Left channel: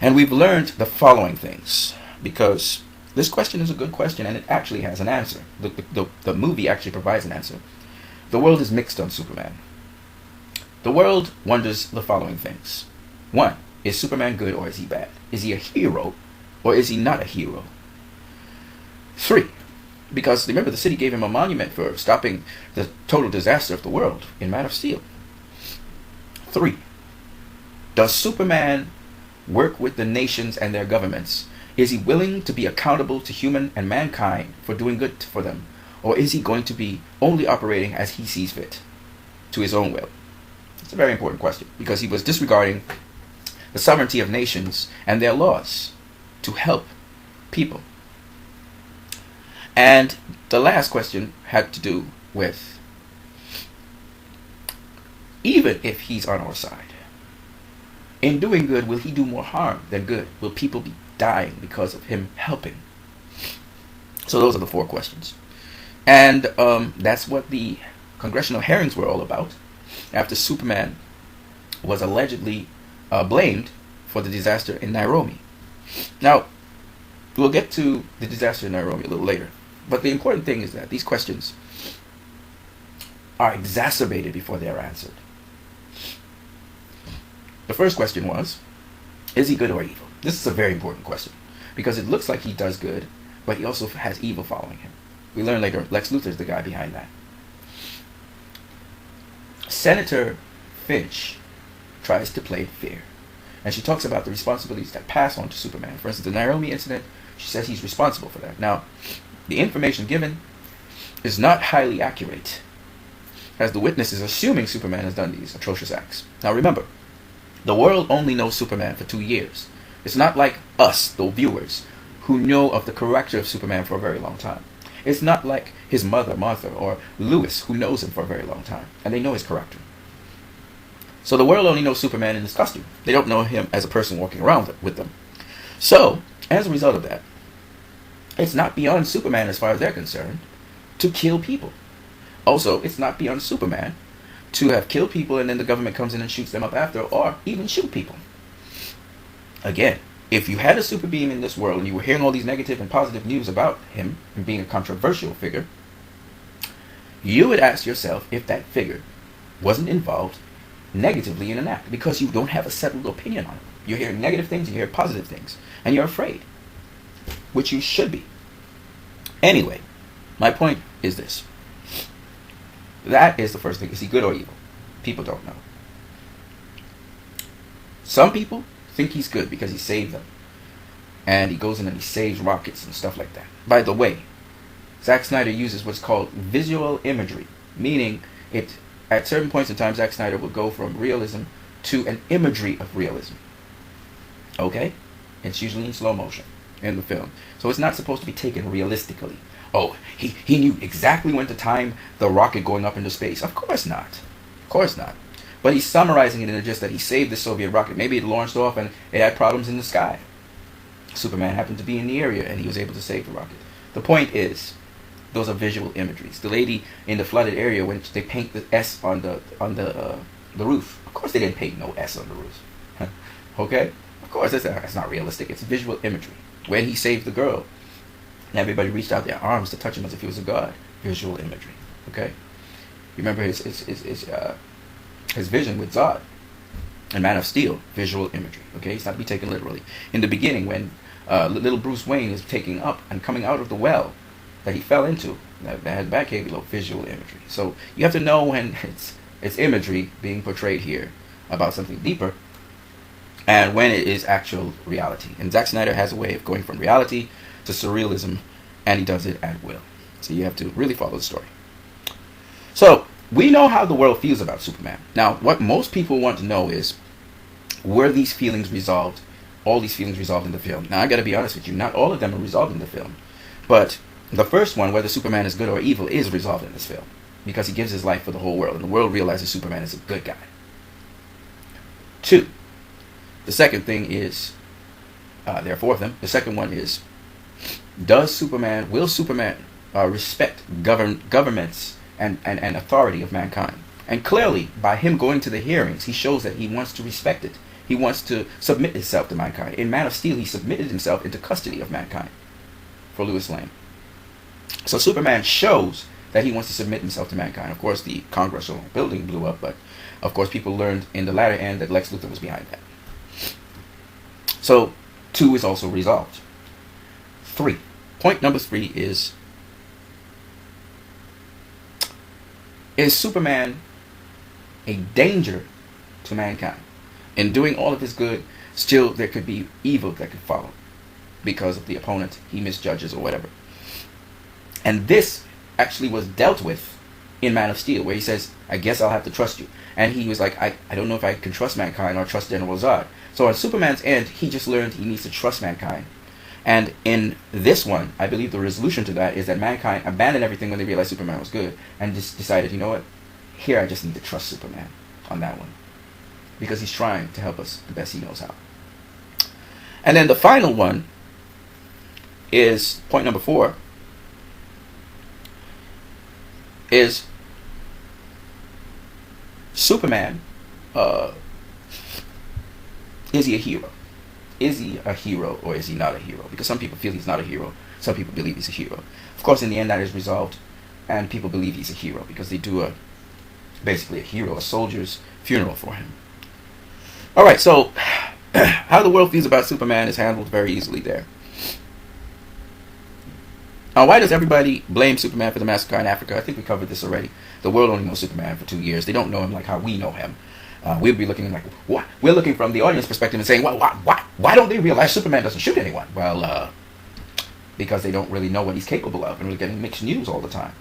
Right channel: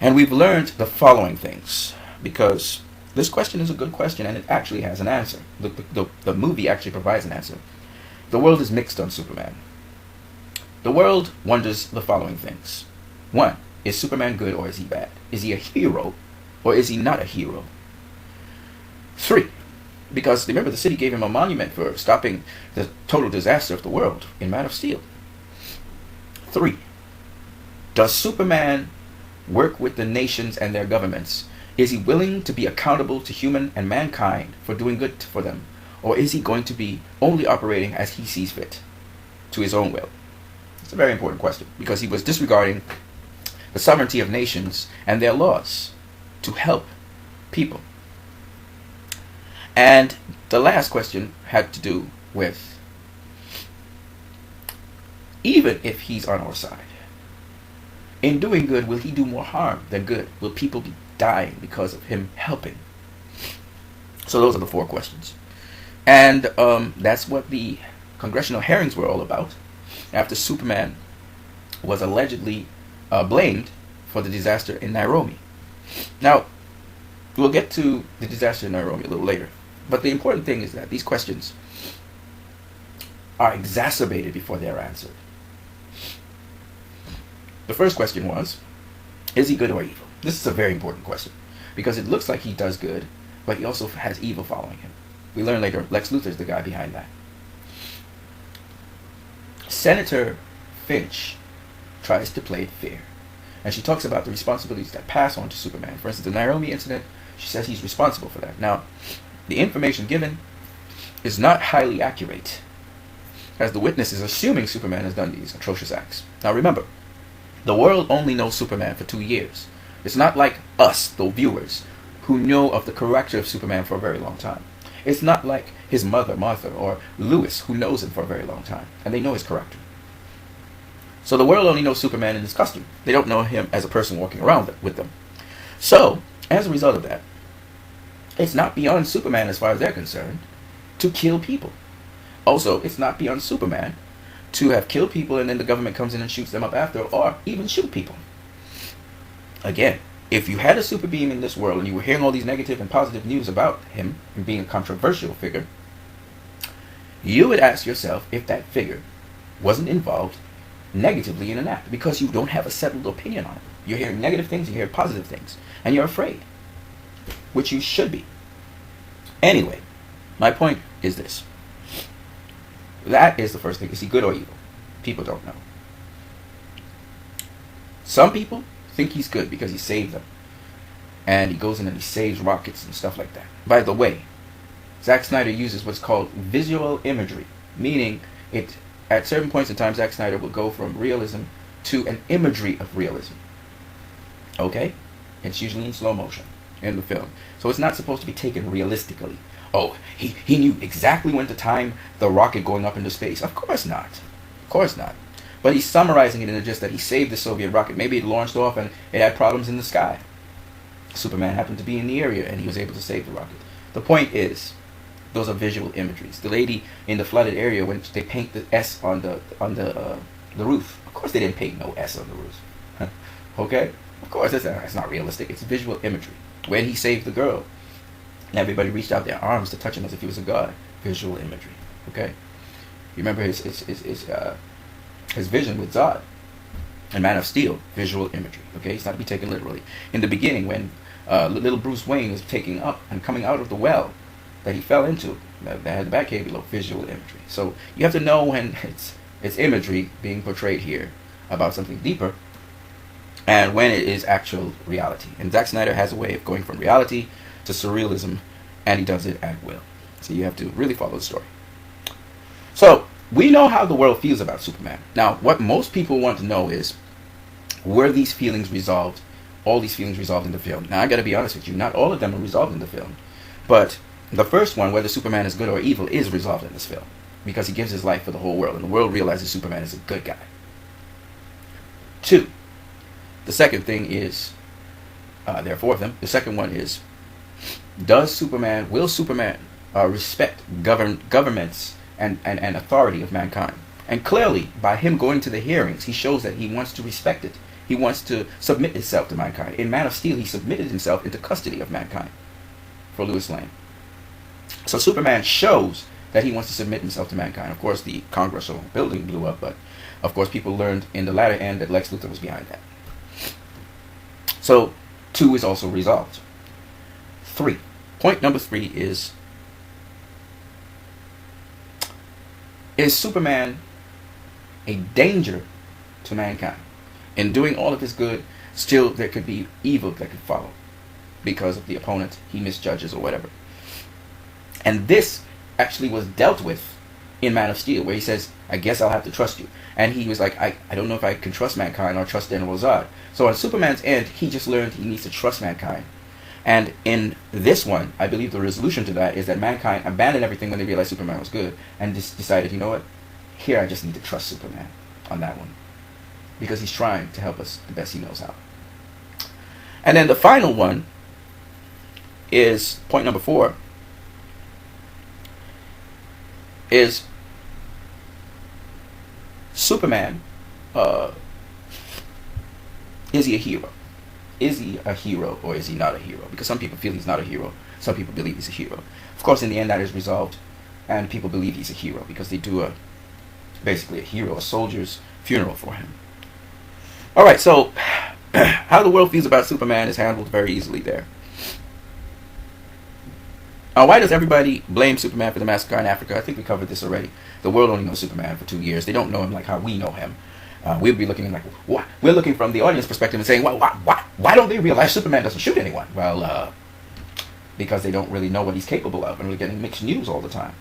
And we've learned the following things, because this question is a good question and it actually has an answer. The movie actually provides an answer. The world is mixed on Superman. The world wonders the following things. 1. Is Superman good or is he bad? Is he a hero or is he not a hero? 3. Because remember, the city gave him a monument for stopping the total disaster of the world in Man of Steel. 3. Does Superman work with the nations and their governments? Is he willing to be accountable to human and mankind for doing good for them? Or is he going to be only operating as he sees fit, to his own will? It's a very important question, because he was disregarding the sovereignty of nations and their laws to help people. And the last question had to do with, even if he's on our side, in doing good, will he do more harm than good? Will people be dying because of him helping? So those are the 4 questions. And that's what the congressional hearings were all about, after Superman was allegedly blamed for the disaster in Nairobi. Now, we'll get to the disaster in Nairobi a little later. But the important thing is that these questions are exacerbated before they're answered. The first question was, is he good or evil? This is a very important question, because it looks like he does good, but he also has evil following him. We learn later, Lex Luthor is the guy behind that. Senator Finch tries to play fear, and she talks about the responsibilities that pass on to Superman. For instance, the Nairobi incident, she says he's responsible for that. Now, the information given is not highly accurate, as the witness is assuming Superman has done these atrocious acts. Now remember, the world only knows Superman for 2 years. It's not like us, the viewers, who know of the character of Superman for a very long time. It's not like his mother, Martha, or Lois, who knows him for a very long time, and they know his character. So the world only knows Superman in his costume. They don't know him as a person walking around with them. So, as a result of that, it's not beyond Superman, as far as they're concerned, to kill people. Also, it's not beyond Superman to have killed people and then the government comes in and shoots them up after, or even shoot people. Again, if you had a super being in this world and you were hearing all these negative and positive news about him and being a controversial figure, you would ask yourself if that figure wasn't involved negatively in an act, because you don't have a settled opinion on him. You're hearing negative things, you're hearing positive things, and you're afraid, which you should be. Anyway, my point is this. That is the first thing. Is he good or evil? People don't know. Some people think he's good because he saved them. And he goes in and he saves rockets and stuff like that. By the way, Zack Snyder uses what's called visual imagery, meaning at certain points in time, Zack Snyder would go from realism to an imagery of realism. Okay? It's usually in slow motion in the film. So it's not supposed to be taken realistically. Oh, he knew exactly when to time the rocket going up into space. Of course not. Of course not. But he's summarizing it in just that he saved the Soviet rocket. Maybe it launched off and it had problems in the sky. Superman happened to be in the area and he was able to save the rocket. The point is, those are visual imageries. The lady in the flooded area, when they paint the S on the roof. Of course they didn't paint no S on the roof. Okay? Of course it's not realistic. It's visual imagery. When he saved the girl, everybody reached out their arms to touch him as if he was a god. Visual imagery. Okay? You remember his vision with Zod in Man of Steel. Visual imagery. Okay? It's not to be taken literally. In the beginning, when little Bruce Wayne is taking up and coming out of the well that he fell into, that had the back cave below, visual imagery. So you have to know when it's imagery being portrayed here about something deeper, and when it is actual reality. And Zack Snyder has a way of going from reality to surrealism, and he does it at will. So you have to really follow the story. So we know how the world feels about Superman. Now, what most people want to know is, were these feelings resolved? All these feelings resolved in the film? Now, I got to be honest with you, not all of them are resolved in the film, but the first one, whether Superman is good or evil, is resolved in this film, because he gives his life for the whole world, and the world realizes Superman is a good guy. 2. The second thing is, there are 4 of them. The second one is, will Superman respect governments and authority of mankind? And clearly, by him going to the hearings, he shows that he wants to respect it. He wants to submit himself to mankind. In Man of Steel, he submitted himself into custody of mankind for Lois Lane. So Superman shows that he wants to submit himself to mankind. Of course, the Congressional building blew up, but of course people learned in the latter end that Lex Luthor was behind that. So 2 is also resolved. 3. Point number 3 is Superman a danger to mankind? In doing all of his good, still there could be evil that could follow because of the opponent he misjudges or whatever. And this actually was dealt with in Man of Steel, where he says, I guess I'll have to trust you. And he was like, I don't know if I can trust mankind or trust General Zod. So on Superman's end, he just learned he needs to trust mankind. And in this one, I believe the resolution to that is that mankind abandoned everything when they realized Superman was good and just decided, you know what, here I just need to trust Superman on that one. Because he's trying to help us the best he knows how. And then the final one is, point number 4, is Superman, is he a hero? Is he a hero or is he not a hero? Because some people feel he's not a hero. Some people believe he's a hero. Of course, in the end, that is resolved, and people believe he's a hero because they do basically a soldier's funeral for him. All right, so how the world feels about Superman is handled very easily there. Now, why does everybody blame Superman for the massacre in Africa? I think we covered this already. The world only knows Superman for 2 years. They don't know him like how we know him. We'll be looking like, what? We're looking from the audience perspective and saying, why don't they realize Superman doesn't shoot anyone? Well, because they don't really know what he's capable of, and we're getting mixed news all the time.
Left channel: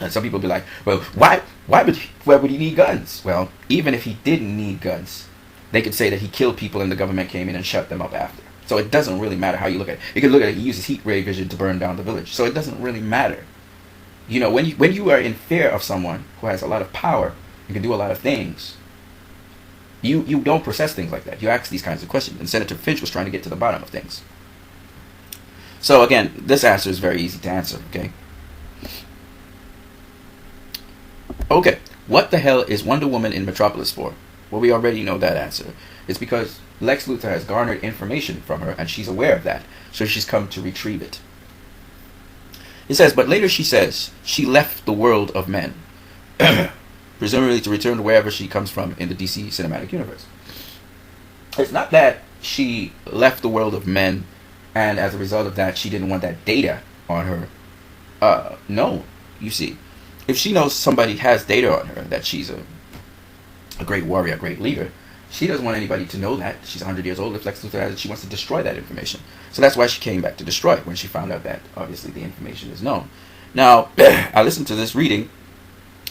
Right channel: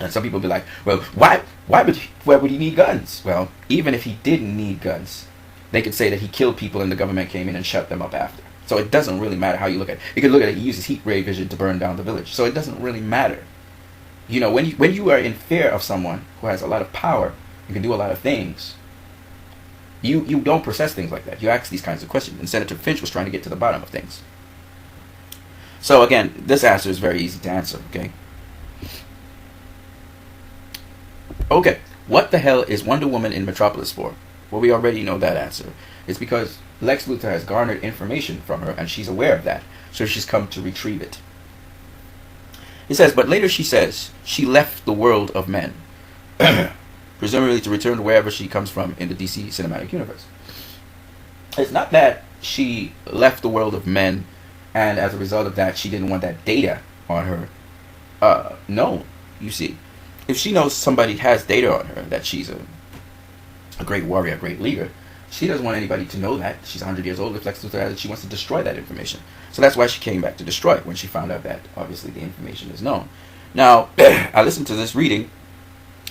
And some people be like, well, why would he need guns? Well, even if he didn't need guns, they could say that he killed people and the government came in and shut them up after. So it doesn't really matter how you look at it. You can look at it, he uses heat ray vision to burn down the village. So it doesn't really matter. You know, when you are in fear of someone who has a lot of power and can do a lot of things, you don't process things like that. You ask these kinds of questions. And Senator Finch was trying to get to the bottom of things. So again, this answer is very easy to answer, okay? Okay, what the hell is Wonder Woman in Metropolis for? Well, we already know that answer. It's because Lex Luthor has garnered information from her, and she's aware of that. So she's come to retrieve it. It says, but later she says, she left the world of men, presumably to return to wherever she comes from in the DC cinematic universe. It's not that she left the world of men, and as a result of that, she didn't want that data on her. No, you see, if she knows somebody has data on her, that she's a great warrior, a great leader, she doesn't want anybody to know that. She's 100 years old. If Lex Luthor has it, she wants to destroy that information. So that's why she came back to destroy it, when she found out that, obviously, the information is known. Now, I listened to this reading,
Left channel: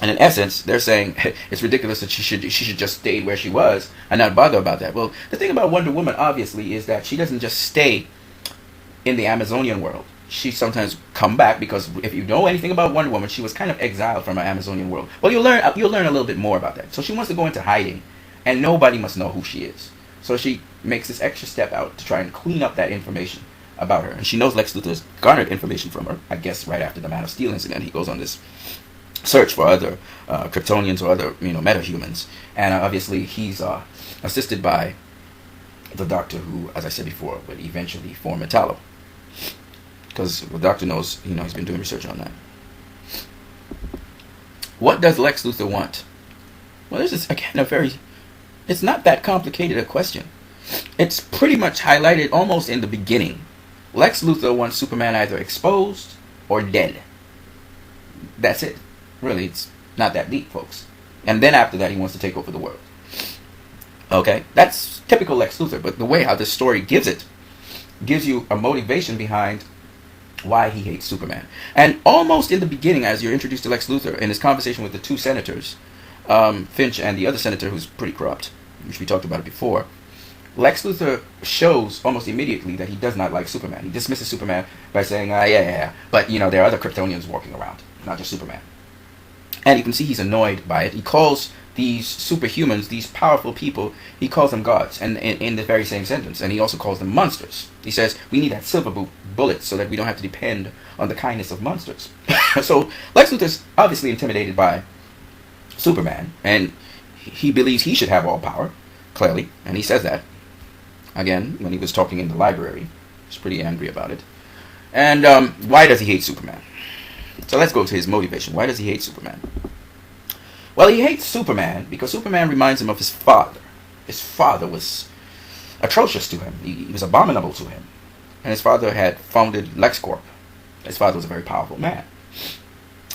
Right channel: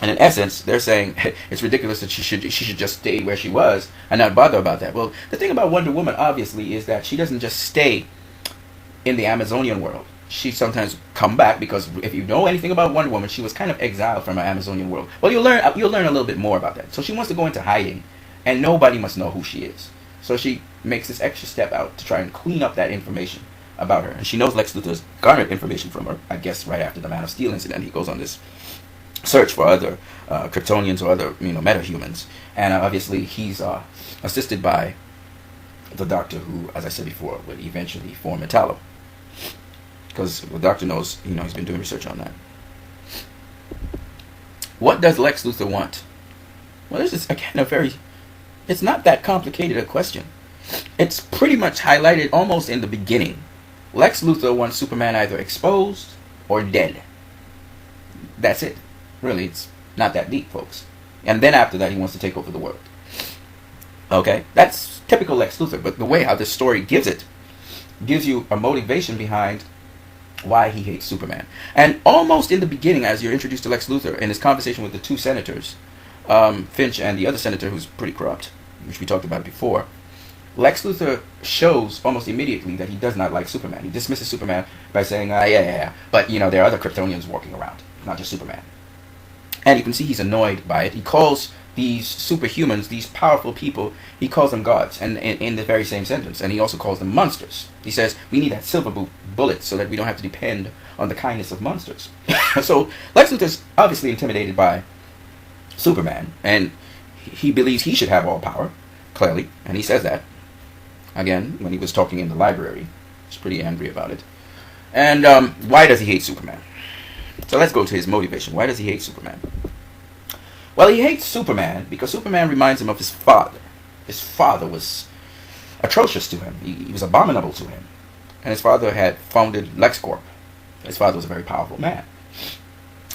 and in essence, they're saying it's ridiculous that she should just stay where she was and not bother about that. Well, the thing about Wonder Woman, obviously, is that she doesn't just stay in the Amazonian world. She sometimes come back, because if you know anything about Wonder Woman, she was kind of exiled from her Amazonian world. Well, you'll learn a little bit more about that. So she wants to go into hiding, and nobody must know who she is. So she makes this extra step out to try and clean up that information about her. And she knows Lex Luthor's garnered information from her. I guess right after the Man of Steel incident, he goes on this search for other Kryptonians or other metahumans. And obviously he's assisted by the Doctor, who, as I said before, would eventually form Metallo. Because the Doctor knows, he's been doing research on that. What does Lex Luthor want? Well, this is, again, it's not that complicated a question. It's pretty much highlighted almost in the beginning. Lex Luthor wants Superman either exposed or dead. That's it. Really, it's not that deep, folks. And then after that, he wants to take over the world. Okay, that's typical Lex Luthor, but the way how this story gives you a motivation behind why he hates Superman. And almost in the beginning, as you're introduced to Lex Luthor in his conversation with the two senators, Finch and the other senator who's pretty corrupt, which we talked about before, Lex Luthor shows almost immediately that he does not like Superman. He dismisses Superman by saying, yeah, but there are other Kryptonians walking around, not just Superman. And you can see he's annoyed by it. He calls these superhumans, these powerful people, he calls them gods, and in the very same sentence. And he also calls them monsters. He says, we need that silver bullet so that we don't have to depend on the kindness of monsters. So Lex Luthor's obviously intimidated by Superman, and he believes he should have all power, clearly, and he says that again when he was talking in the library. He's pretty angry about it. And why does he hate Superman? So let's go to his motivation. Why does he hate Superman? Well, he hates Superman because Superman reminds him of his father. His father was atrocious to him. He was abominable to him. And his father had founded LexCorp. His father was a very powerful man.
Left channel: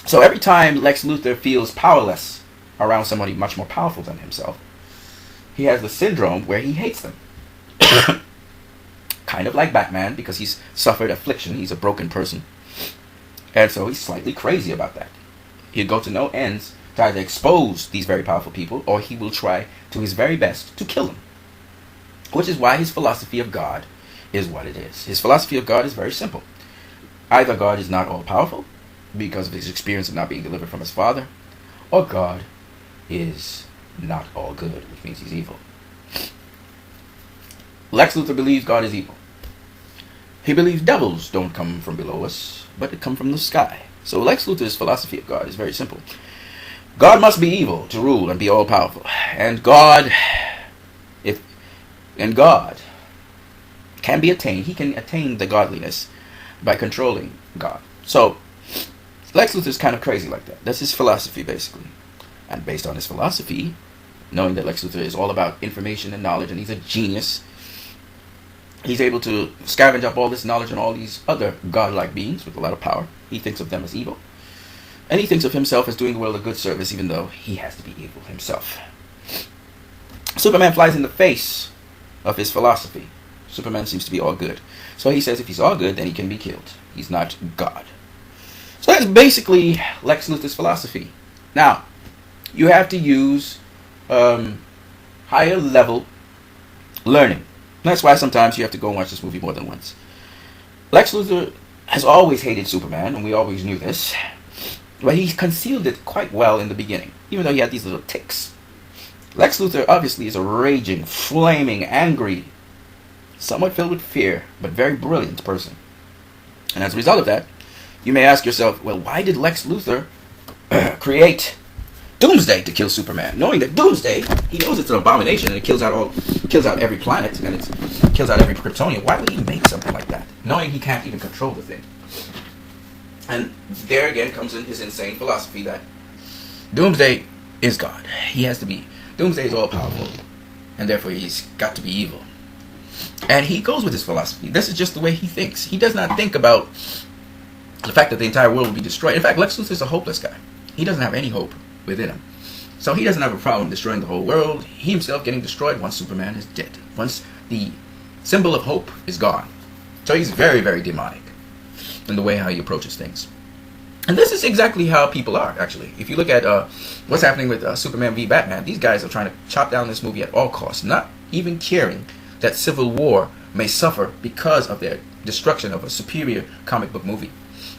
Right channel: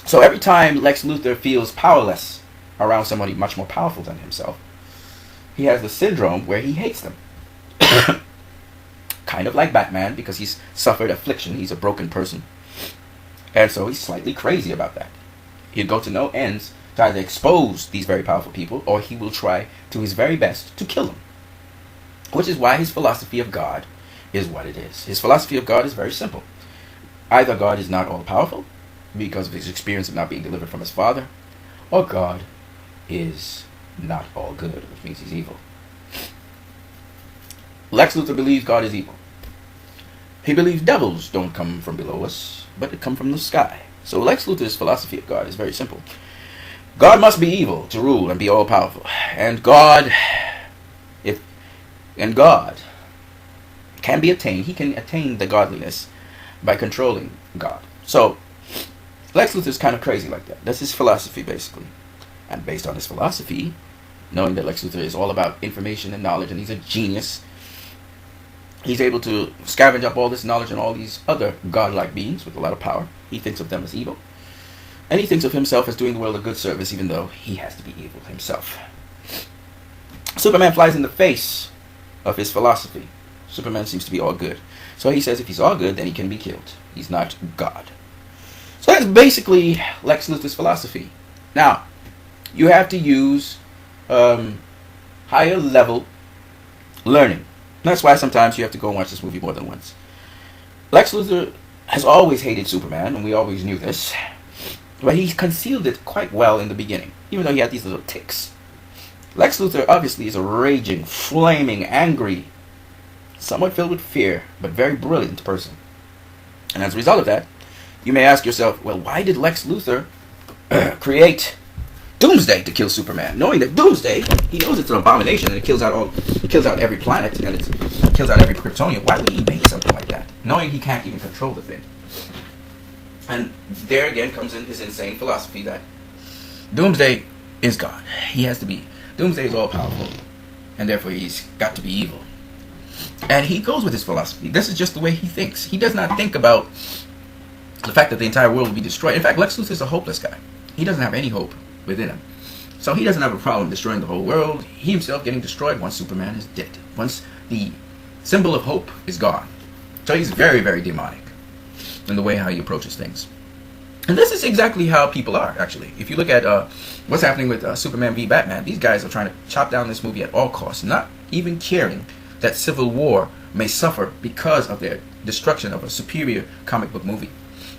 So every time Lex Luthor feels powerless around somebody much more powerful than himself, he has the syndrome where he hates them. Kind of like Batman, because he's suffered affliction. He's a broken person. And so he's slightly crazy about that. He'll go to no ends to either expose these very powerful people, or he will try to his very best to kill them. Which is why his philosophy of God is what it is. His philosophy of God is very simple. Either God is not all-powerful, because of his experience of not being delivered from his father, or God is not all good, which means he's evil. Lex Luthor believes God is evil. He believes devils don't come from below us, but they come from the sky. So Lex Luthor's philosophy of God is very simple. God must be evil to rule and be all-powerful. And God can be attained. He can attain the godliness by controlling God. So Lex Luthor's kind of crazy like that. That's his philosophy, basically. And based on his philosophy, knowing that Lex Luthor is all about information and knowledge, and he's a genius, he's able to scavenge up all this knowledge and all these other godlike beings with a lot of power. He thinks of them as evil. And he thinks of himself as doing the world a good service, even though he has to be evil himself. Superman flies in the face of his philosophy. Superman seems to be all good. So he says if he's all good, then he can be killed. He's not God. So that's basically Lex Luthor's philosophy. Now, you have to use higher level learning. That's why sometimes you have to go and watch this movie more than once. Lex Luthor has always hated Superman, and we always knew this. But he concealed it quite well in the beginning, even though he had these little tics. Lex Luthor obviously is a raging, flaming, angry, somewhat filled with fear, but very brilliant person. And as a result of that, you may ask yourself, well, why did Lex Luthor create Doomsday to kill Superman? Knowing that Doomsday, he knows it's an abomination and it kills out every planet and it kills out every Kryptonian. Why would he make something like that? Knowing he can't even control the thing. And there again comes in his insane philosophy that Doomsday is God. He has to be. Doomsday is all powerful, and therefore he's got to be evil. And he goes with his philosophy. This is just the way he thinks. He does not think about the fact that the entire world will be destroyed. In fact, Lex Luthor is a hopeless guy. He doesn't have any hope within him. So he doesn't have a problem destroying the whole world. He himself getting destroyed once Superman is dead. Once the symbol of hope is gone. So he's very, very demonic in the way how he approaches things. And this is exactly how people are, actually. If you look at what's happening with Superman v. Batman, these guys are trying to chop down this movie at all costs, not even caring that civil war may suffer because of their destruction of a superior comic book movie.